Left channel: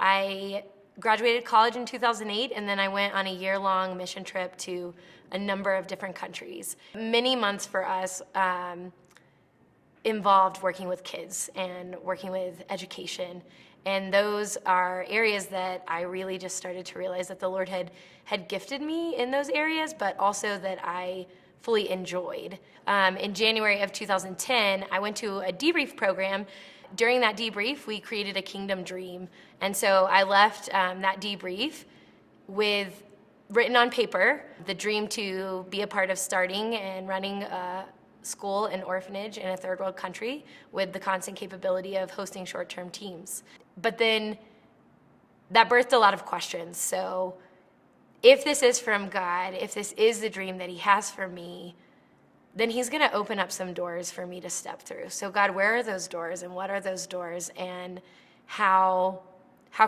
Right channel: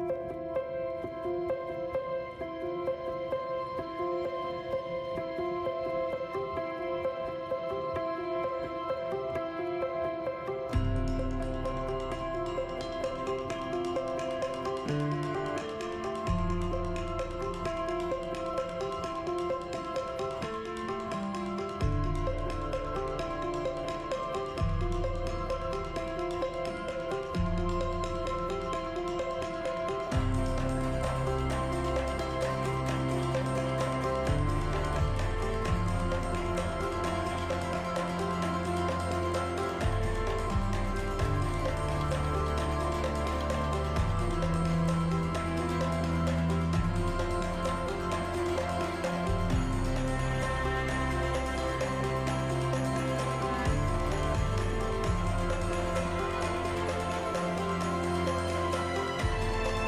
I graduated college in 2008, and then I went on a year-long mission trip to a number of different countries. Many months for us involved working with kids and working with education. And those are areas that I really just started to realize that the Lord had gifted me in those areas, but also that I fully enjoyed. In January of 2010, I went to a debrief program. During that debrief, we created a kingdom dream. And so I left that debrief with, written on paper, the dream to be a part of starting and running a school and orphanage in a third world country with the constant capability of hosting short-term teams. But then that birthed a lot of questions. So if this is from God, if this is the dream that He has for me, then He's gonna open up some doors for me to step through. So God, where are those doors and what are those doors, and how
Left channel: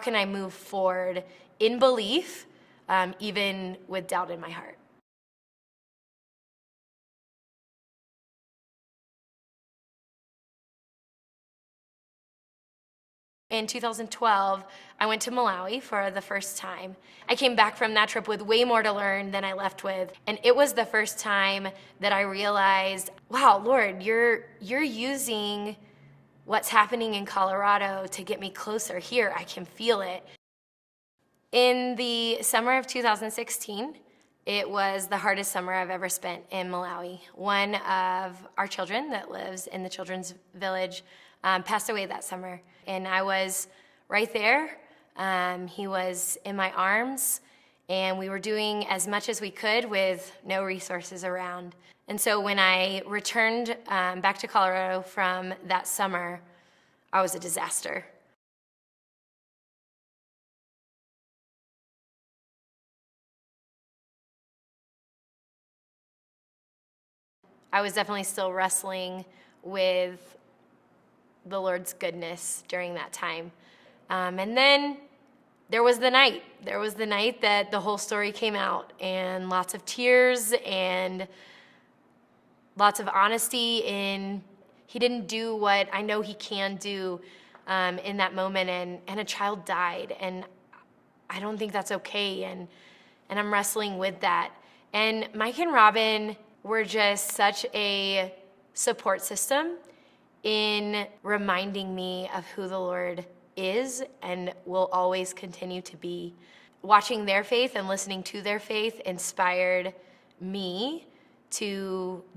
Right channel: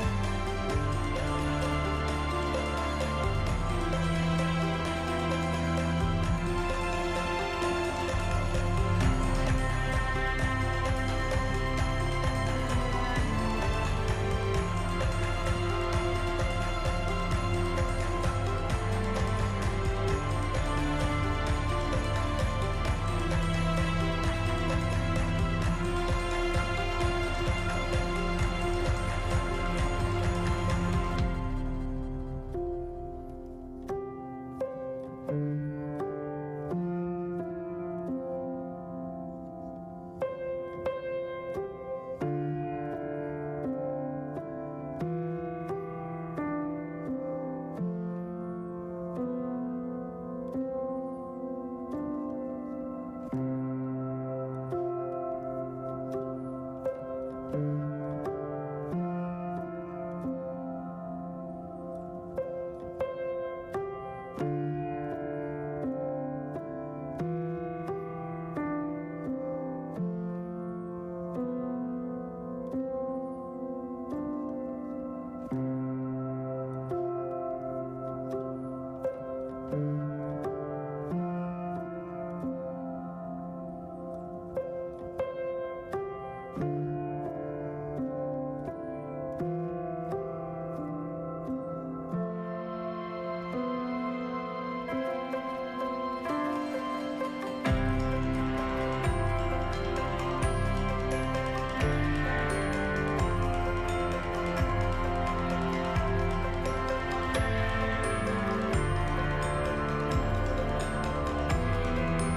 can I move forward in belief, even with doubt in my heart? In 2012, I went to Malawi for the first time. I came back from that trip with way more to learn than I left with, and it was the first time that I realized, wow, Lord, you're using what's happening in Colorado to get me closer here. I can feel it. In the summer of 2016, it was the hardest summer I've ever spent in Malawi. One of our children that lives in the children's village passed away that summer, and I was right there. He was in my arms, and we were doing as much as we could with no resources around. And so when I returned back to Colorado from that summer, I was a disaster. I was definitely still wrestling with the Lord's goodness during that time. And then there was the night. There was the night that the whole story came out, and lots of tears and lots of honesty in He didn't do what I know He can do in that moment, and a child died, and I don't think that's okay, and I'm wrestling with that. And Mike and Robin were just such a support system in reminding me of who the Lord is and will always continue to be. Watching their faith and listening to their faith inspired me to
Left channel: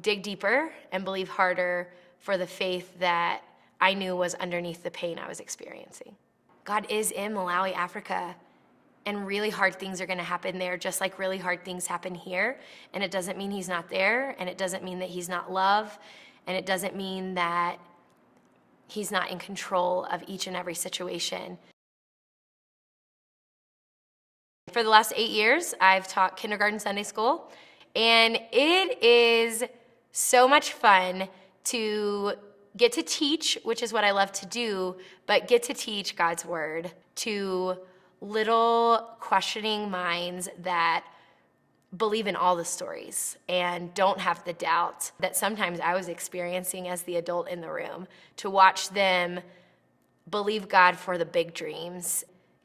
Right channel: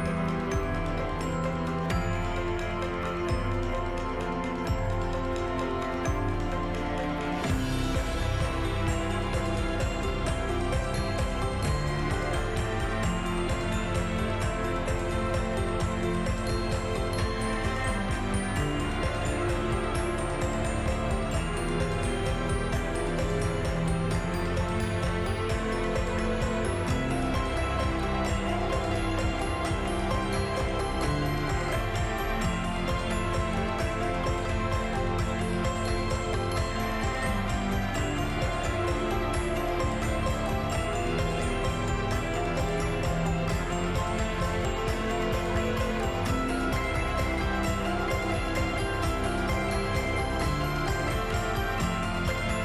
dig deeper and believe harder for the faith that I knew was underneath the pain I was experiencing. God is in Malawi, Africa, and really hard things are going to happen there, just like really hard things happen here. And it doesn't mean He's not there, and it doesn't mean that He's not loved, and it doesn't mean that He's not in control of each and every situation. For the last 8 years, I've taught kindergarten Sunday school, and it is so much fun to get to teach, which is what I love to do, but get to teach God's Word to little questioning minds that believe in all the stories and don't have the doubt that sometimes I was experiencing as the adult in the room. To watch them believe God for the big dreams.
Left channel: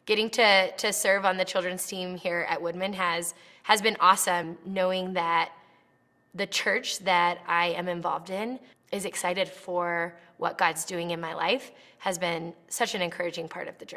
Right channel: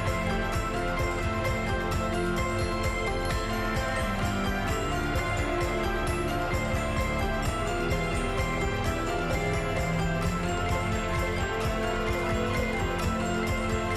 Getting to serve on the children's team here at Woodman has been awesome, knowing that the church that I am involved in is excited for what God's doing in my life has been such an encouraging part of the